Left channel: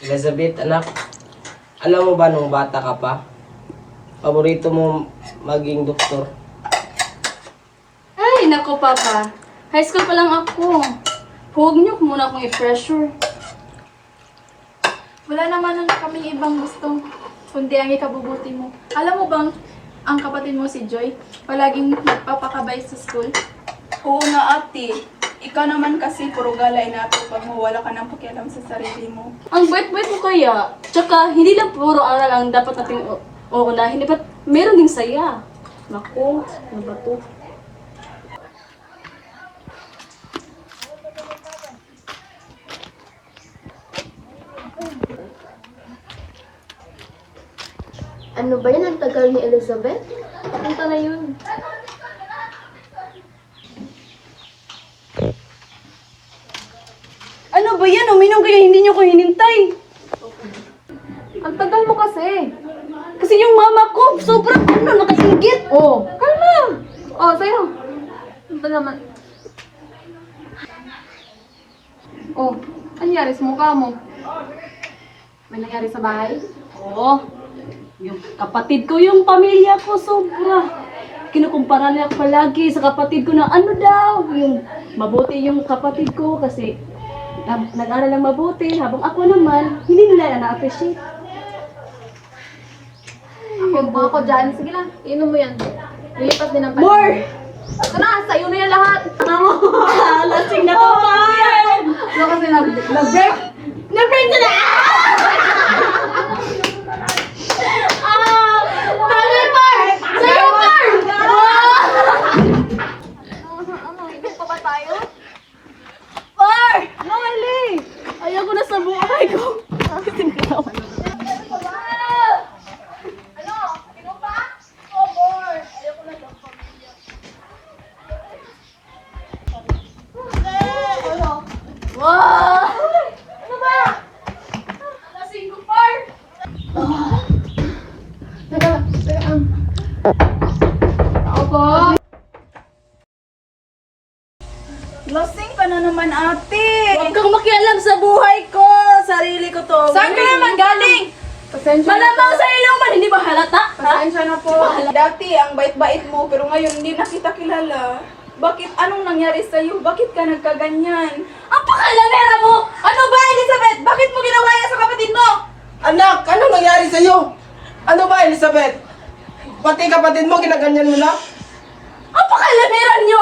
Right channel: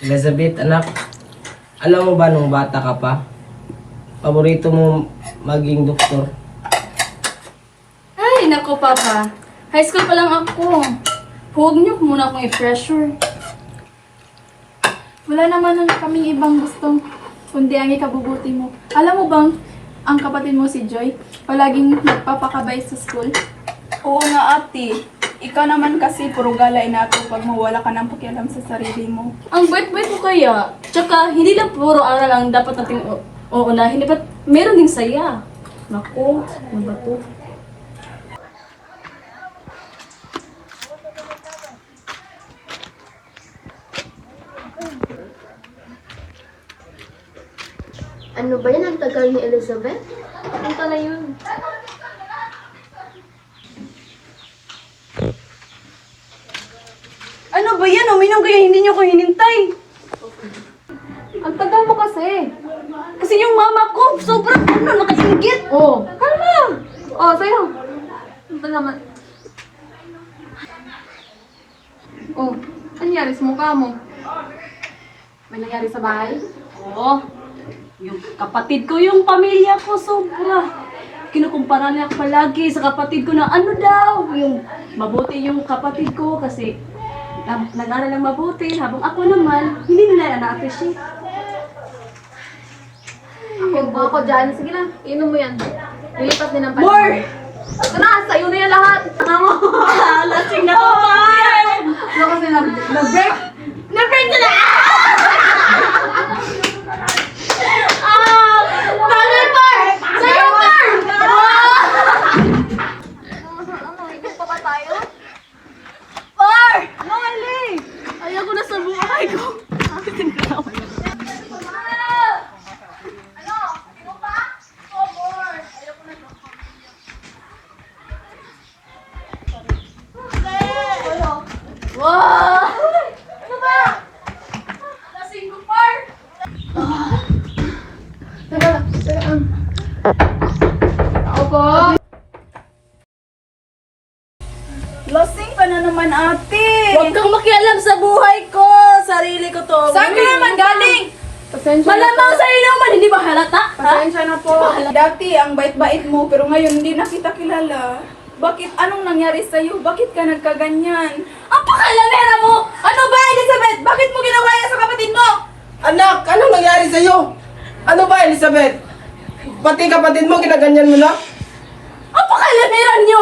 Elizabeth, anak, alam mo ba nung bata ka pa, paborito mo maging doktor? Ay, naku papa. High school pa lang ako. Huwag niyo muna akong i-pressure. Wala naman na kaming ibang gustong kundi ang ikabubuti mo. Alam mo bang, ang kapatid mo si Joy, palaging nagpapakabay sa school? Oo nga ate, ikaw naman kasi puro galay na ako pag mawala ka ng pakialam sa sarili mo. Ang bait-bait mo kaya. Tsaka, hindi lang puro aral ang dapat natin uunahin. Dapat meron ding saya. Naku, ano ba to? Ano ba yan? Ang tagal ni Elizabeth? Punta na yun. Ano ba yan? Uminom kayo, hindi niyo ko hinintay. Ang tagal mo kasi. Kasi yung mama ko, sobrang nakaingit. Oh, kalma! Oh, sa'yo. Ano ba naman? Oh, ano nangyari sa mukha mo? May nangyari sa bahay? Oo. Yung kapatid ko, yung pamilya ko, sobra. Kinukumpara niya palagi sa kapatid ko na ano daw, yung mabuti yung kapatid ko kasi nag-aral ng mabuti, habang ako naman, hindi nila na-appreciate. Ako dyan. Sige lang, inom mo yan. Lilipas din ang panahon. More! Ito na, sa'yo na yan lahat. Mama, lasing na ako, ma! Ano kasi Nag-break! Nag-break na na! Brother Par! Sa'yo, Par! Ano, inom pa ba tayo? Par! Nali! Ayaw ko na sa buhay ko. Ano? Inom pa? Oh, more. Ayoko na to. Wow! Ano ba yan? Lasing ko, Par! Teka. Ako po. Lasing ka na naman ate. Huwag kang makialam sa buhay ko. Sarili ko to. Saan ka naman galing? Malamang sa inuman, hindi ba halata? Ha? Pasensya na po. Dati, ang bait-bait mo, pero ngayon hindi na kita kilala. Bakit? Anong nangyari sa'yo? Bakit ka nagkaganyan? Ang pakalamera mo! Ano ba, Elizabeth? Bakit mo ginawa yan sa kapatid mo? Anak, anong nangyari sa'yo? Ano ba, Elizabeth? Pati kapatid mo, ginaganyan mo na? Ang pakalamera niyo!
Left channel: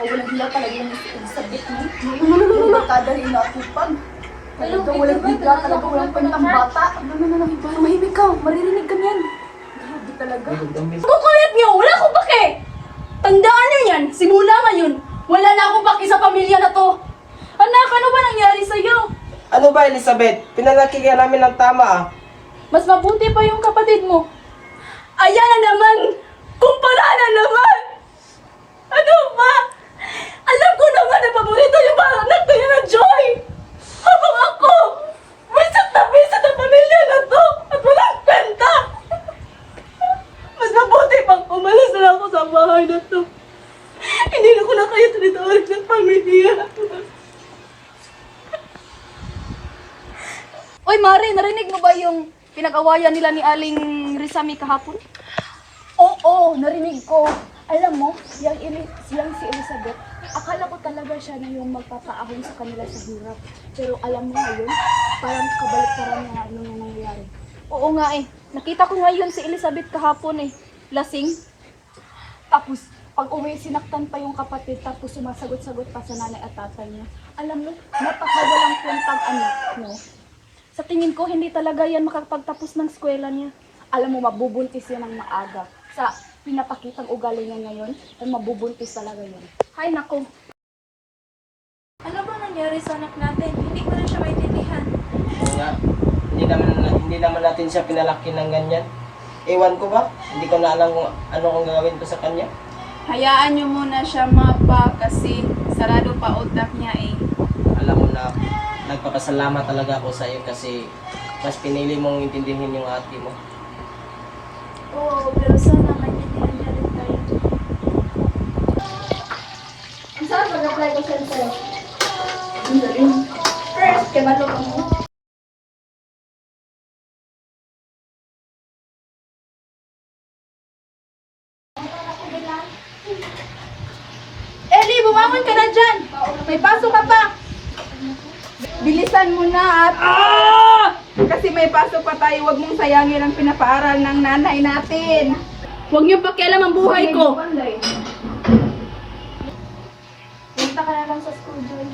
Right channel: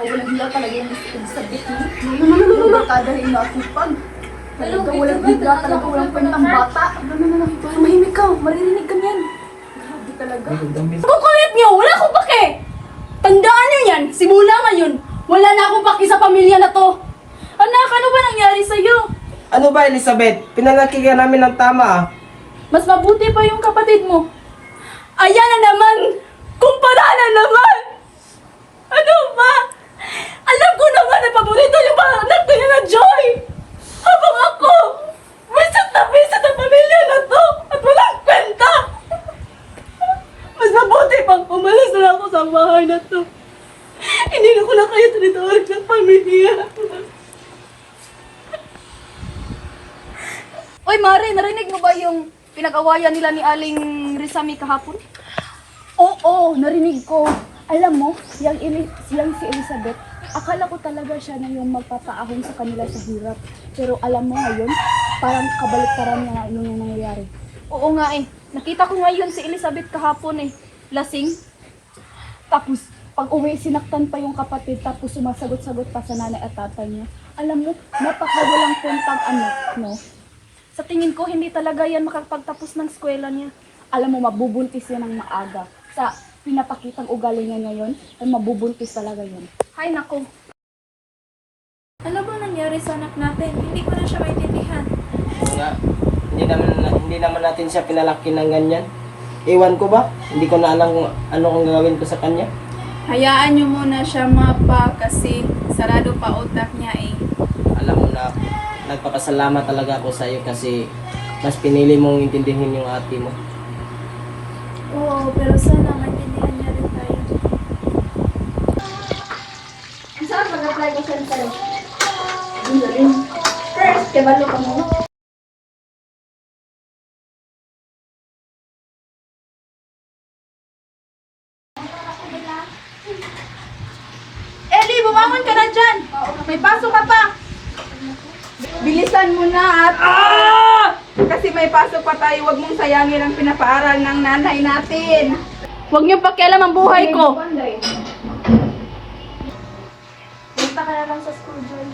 Walang hiya talaga yung Elizabeth mo. Barkada rin na akupag. Talaga walang hiya, talaga walang kwentang bata. Tumahimik ka, maririnig ka niyan. Grabe talaga. Ang kulit niyo, wala akong pake! Tandaan niyo yan, simula ngayon, wala na akong pake sa pamilya na to. Anak, ano ba nangyari sa'yo? Ano ba, Elizabeth? Pinalaki ka namin ng tama, ah. Mas mabuti pa yung kapatid mo. Ayan na naman! Kumpara na naman! Ano ba? Alam ko naman na paborito yung mga anak ko na Joy! Habang ako, visit ang pamilya na to at walang kwenta! Mas mabuti pang umalis na ako sa bahay na to. Hindi ko na kayo tinitawag ng pamilya. Uy, Mare, narinig mo ba yung pinag-awayan nila ni Aling Rizami kahapon? Oo, narinig ko. Alam mo, yung si Elizabeth, akala ko talaga siya na yung magpapaahon sa kanila sa hirap. Pero alam mo ngayon, parang kabaliktaran na yung nangyayari. Oo nga eh. Nakita ko ngayon si Elizabeth kahapon eh. Lasing. Tapos, pag uwi, sinaktan pa yung kapatid, tapos sumasagot-sagot pa sa nanay at tatay niya. Alam mo, napakawalang kwentang anak, no? Sa tingin ko, hindi talaga yan makapagtapos ng eskwela niya. Alam mo, mabubuntis yan ng maaga. Sa pinapakitang ugali niya ngayon, ay mabubuntis talaga yun. Hay nako. Ano ba nangyari sa anak natin? Hindi ko na siya maintindihan. Oo nga, hindi naman natin siya pinalaki ng ganyan. Ewan ko ba? Hindi ko na alam ano ang gagawin ko sa kanya. Hayaan niyo muna siya mapa kasi sarado pa utak niya eh. Alam mo na, nagpapasalamat talaga ako sa iyo kasi mas pinili mong intindihin yung ate mo. Oo, pero sana maintindihan niya rin tayo. Saan mag-apply ko siya sa'yo? First, kabalo ka mo. Eli, bumangon ka na dyan! May pasok ka pa! Bilisan mo na at... Kasi may pasok pa tayo, huwag mong sayangin ang pinapaaral ng nanay natin. Huwag niyo pakialam ang buhay ko. Punta ka na lang sa school, Joy.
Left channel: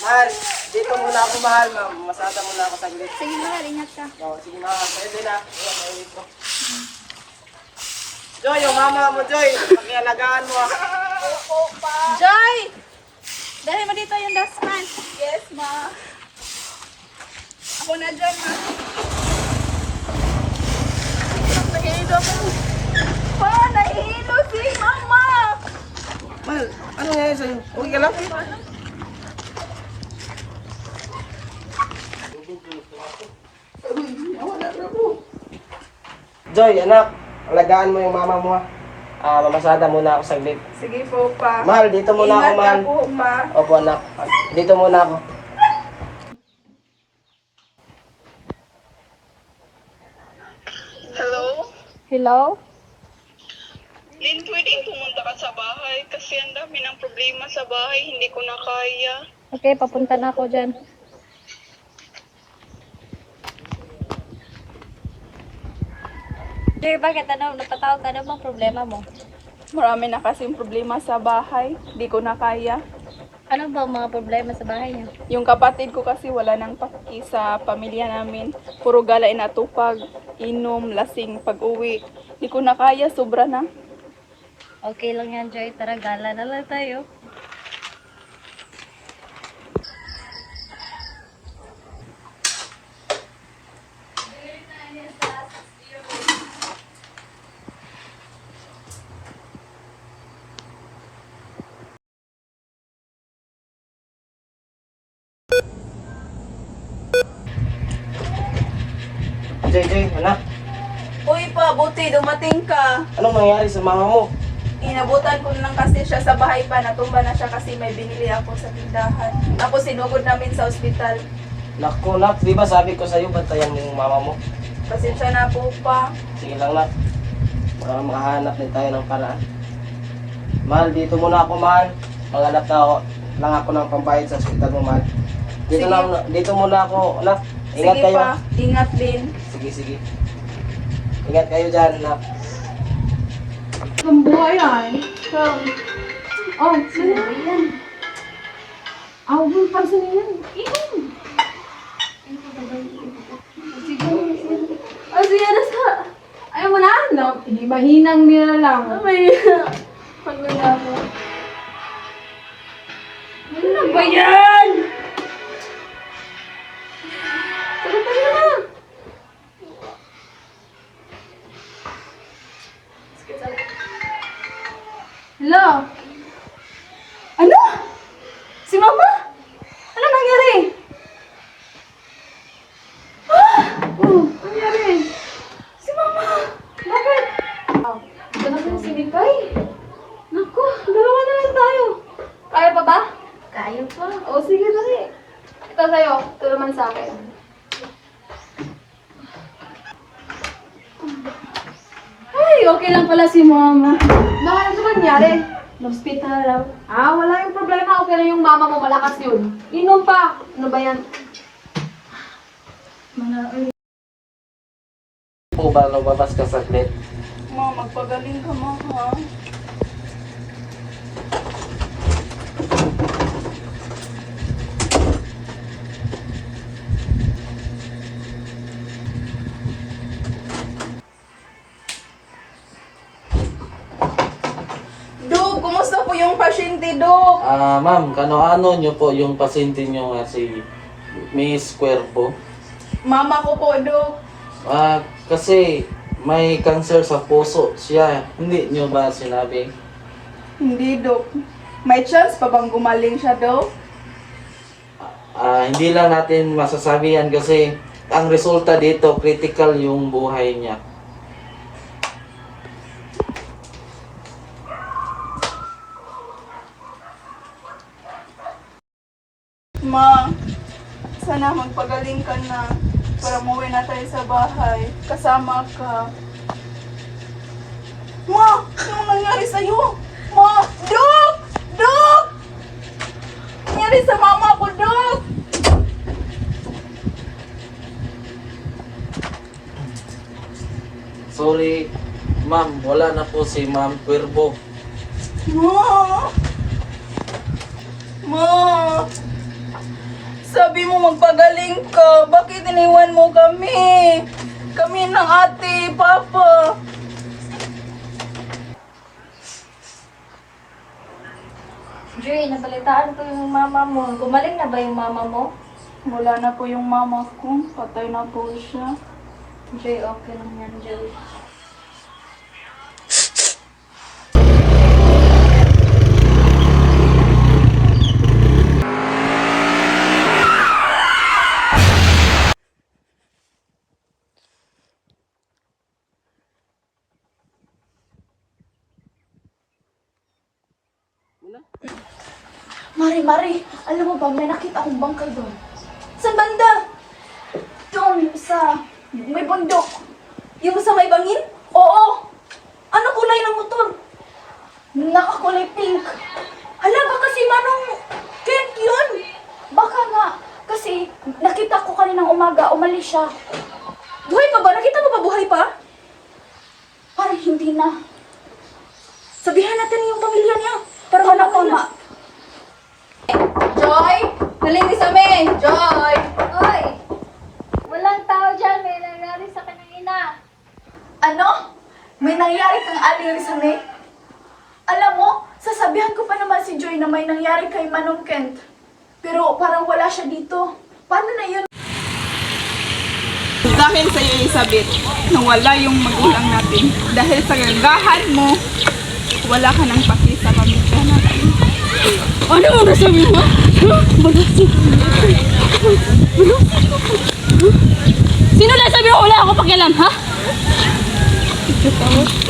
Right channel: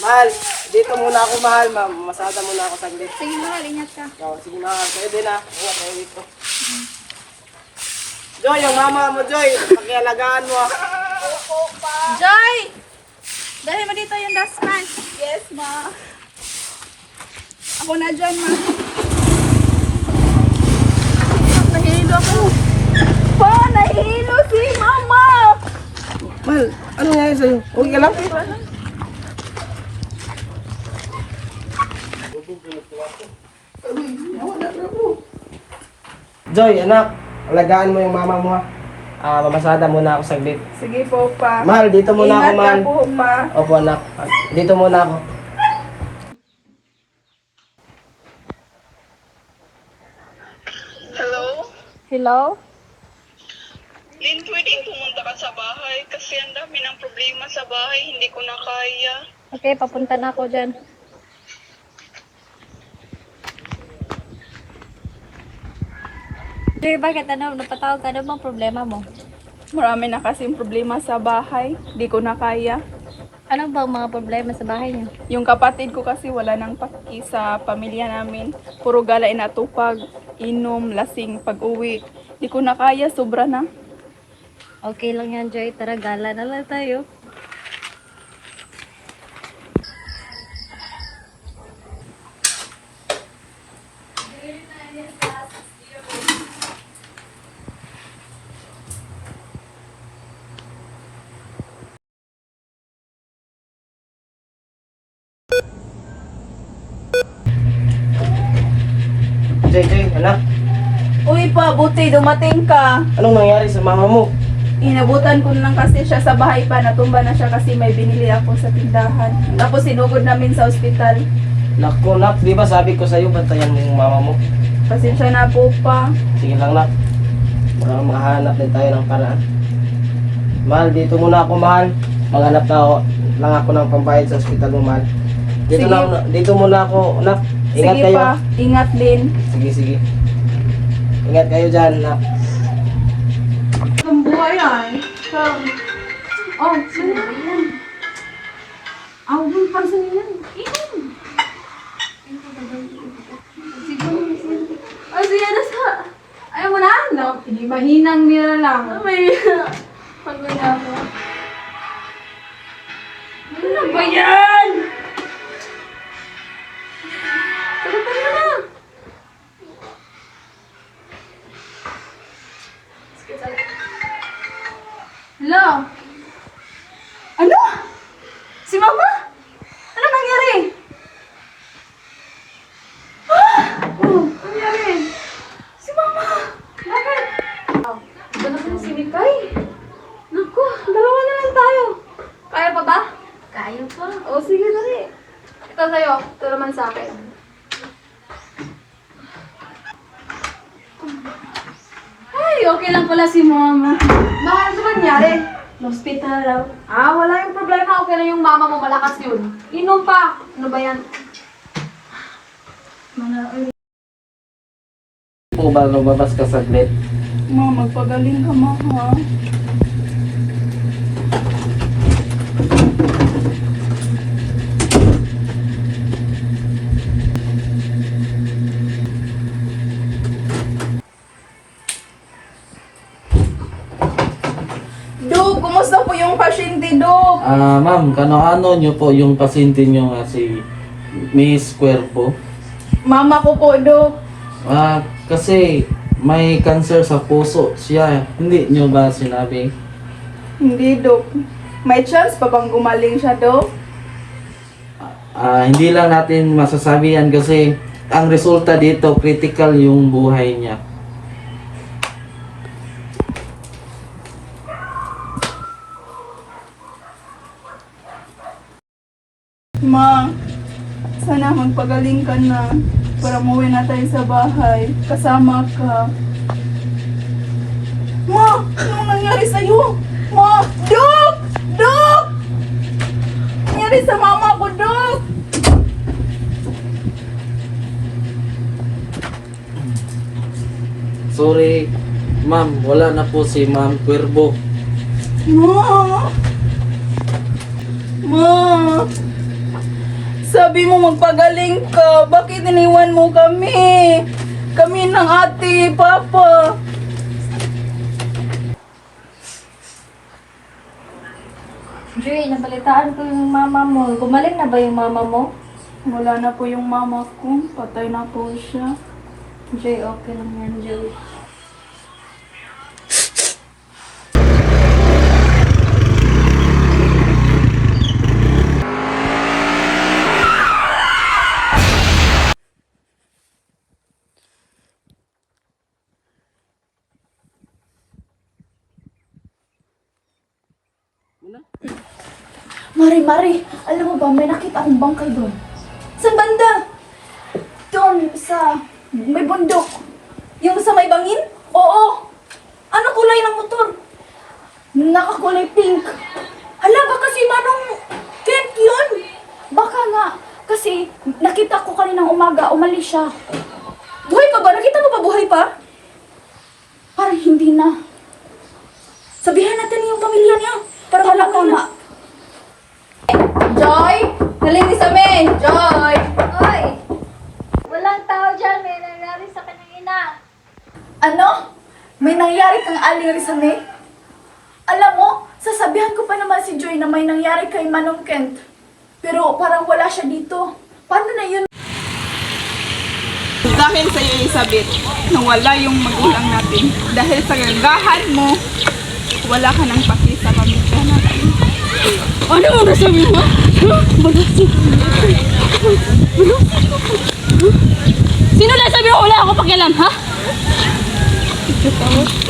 Mahal, dito muna ako, mahal. Masada muna ako saglit. Sige mahal, ingat ka. Sige na, kayo din ah. Joy, yung mama mo, Joy. Pakialagaan mo ah. Joy! Dali mo dito yung dustpan. Yes, ma. Ako na dyan, ma. Nahihilo ako. Pa, nahihilo si mama! Mahal, ano nga yun sa'yo? Okay ka lang? Joy, anak, alagaan mo yung mama mo ha. Mamasada muna ako saglit. Sige po, pa. Mahal, dito muna ako, Ingat mahal. ka po, pa. Opo, anak. Dito muna ako. Hello? Lin, pwedeng pumunta ka sa bahay kasi ang dami ng problema sa bahay, hindi ko na kaya. Okay, papunta na ako dyan. Sir, bakit napatawag ka na bang problema mo? Marami na kasing problema sa bahay. Di ko na kaya. Ano ba ang mga problema sa bahay niyo? Yung kapatid ko kasi wala nang paki sa pamilya namin. Puro gala inatupag, inom, lasing, pag-uwi. Di ko na kaya, sobra na. Okay lang yan, Joy. Tara, gala na lang tayo. Joy, Joy, anak. Uy pa, buti dumating ka. Anong nangyari sa mama mo? Inabutan ko na lang kasi siya sa bahay pa. Natumba na siya kasi may binili ako sa tindahan. Tapos sinugod namin sa ospital. Naku, nak, di ba sabi ko sa'yo, bantayan mo yung mama mo? Pasensya na po pa. Sige lang, nak. Makahanap din tayo ng paraan. Mahal, dito muna ako, mahal. Maghanap lang ako ng pambayad sa ospital mo, mahal. Dito, Sige. dito muna ako, nak. Ingat Sige kayo. pa, ingat din. Sige, sige. Ingat kayo dyan, nak. Ang buhay ay. Oh, sino ba yan? Ah, huwag mong pansin na yan. Ah, sige, nasa. Ayaw mo na. Hindi mahinang nila lang. May pagod na ako. Ano ba yan? Tara, tara na. Hello? Ano? Si Mama? Ano nangyari? Ano nangyari? Si Mama! Bakit? Ito na sila si Mikay. Naku, dalawa na lang tayo. Kaya pa ba? Kaya pa. O sige, dali. Ito sa'yo, ito naman sa akin. Ay, okay lang pala si Mama. Bakit sa nangyari? Hospital lang. Ah, wala yung problema. Okay lang yung mama mo, malakas yun. Inom pa. Ano ba yan? Po ba lumabas ka saglit? Ma, magpagaling ka, ma. Ha? Do, kumusta po yung pasyente, Do? Ma'am, kano-ano nyo po yung pasyente nyo nga si Miss Cuerpo? Mama ko po, Dok. Kasi may cancer sa puso siya. Hindi nyo ba sinabi? Hindi, Dok. May chance pa bang gumaling siya, Dok? Hindi lang natin masasabi yan kasi ang resulta dito, critical yung buhay niya. Ma, sana magpagaling ka na para umuwi na tayo sa bahay. Kasama ka. Ma, ano nangyari sa'yo? Ma, Dok! Dok! Nangyari sa mama ko, Dok! Sorry, ma'am, wala na po si Ma'am Cuervo. Ma! Ma! Sabi mo magpagaling ka. Bakit iniwan mo kami? Kami ng ate, papa. Joy, nabalitaan ko yung mama mo. Gumaling na ba yung mama mo? Wala na po yung mama ko. Patay na po siya. Joy, okay lang yan, Joy. Mari, alam mo ba, may nakita akong bangkay doon. Saan banda? Doon sa may bundok. Yung sa may bangin? Oo, Ano kulay ng motor? nakakulay pink. Hala, baka si Manong Kent yun. Baka nga, kasi nakita ko kaninang umaga, umalis siya. Buhay pa ba? Nakita mo pa buhay pa? Parang hindi na. Sabihan natin yung pamilya niya. Para malaman na. Joy! Nalinis kami! Joy! Oy! Walang tao dyan. May nangyari sa kanyang ina. Ano? May nangyari kang Aling Rizame? Alam mo, sasabihan ko pa naman si Joy na may nangyari kay Manong Kent. Pero parang wala siya dito. Paano na yun? Dahil sa iyo, Elizabeth, nawala yung magulang natin. Dahil sa gagahan mo, wala ka nang paki sa pamilya natin. Ano mo nasabi mo? Sino na sabi mo wala ako pakialam, ha?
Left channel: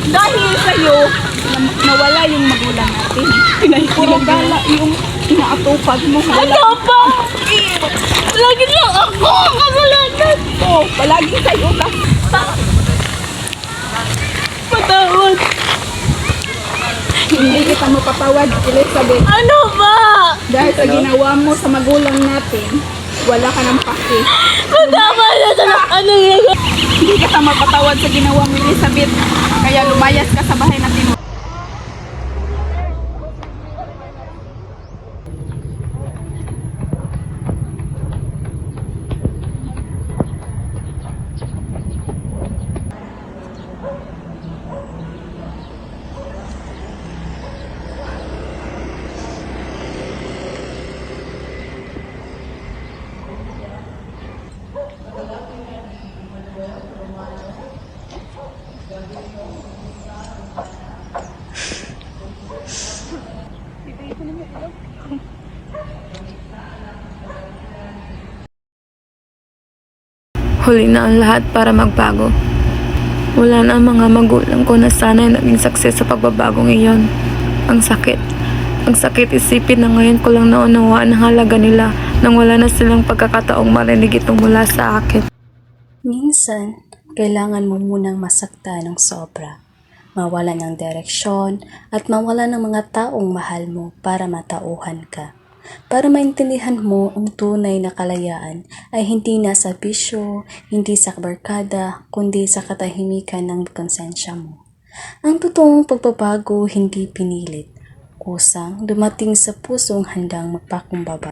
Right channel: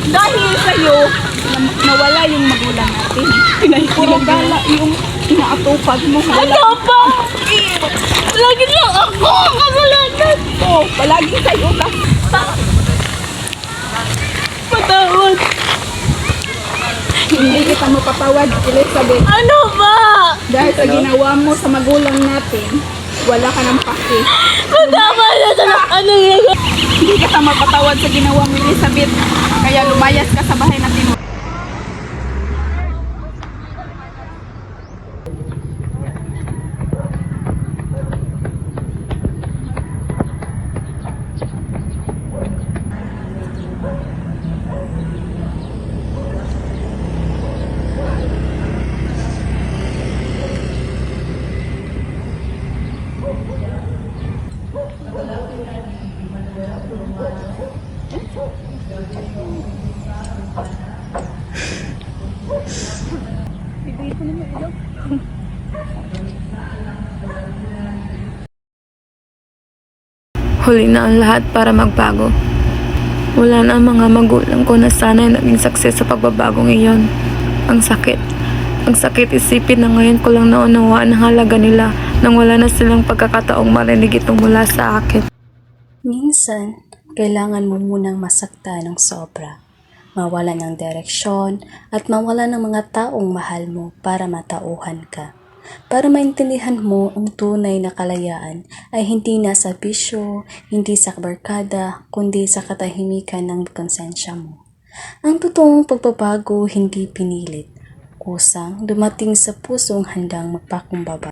Dahil sa iyo, nawala yung magulang natin. Puro gala yung inaatupag mo. Ano ba? Lagi lang ako ang kasalanan. Oh, palagi sa iyo ka. Patawad. Hindi kita mapatawad, Elizabeth. Ano ba? Dahil sa ginawa mo sa magulang natin, wala ka nang paki. Patawad na sa ano yan? Hindi ka mapatawad sa ginawa mo, Elizabeth. Kaya lumayas ka sa bahay natin. Huli na ang lahat para magbago. Wala na ang mga magulang ko na sana'y naging success sa pagbabagong iyon. Ang sakit. Ang sakit isipin na ngayon ko lang naunawaan ang halaga nila nang wala na silang pagkakataong marinig ito mula sa akin. Minsan, kailangan mo munang masakta ng sobra. Mawala ng direksyon at mawala ng mga taong mahal mo para matauhan ka. Para maintindihan mo ang tunay na kalayaan ay hindi nasa bisyo, hindi sa barkada, kundi sa katahimikan ng konsensya mo. Ang totoong pagbabago hindi pinilit, kusang dumating sa pusong handang magpakumbaba.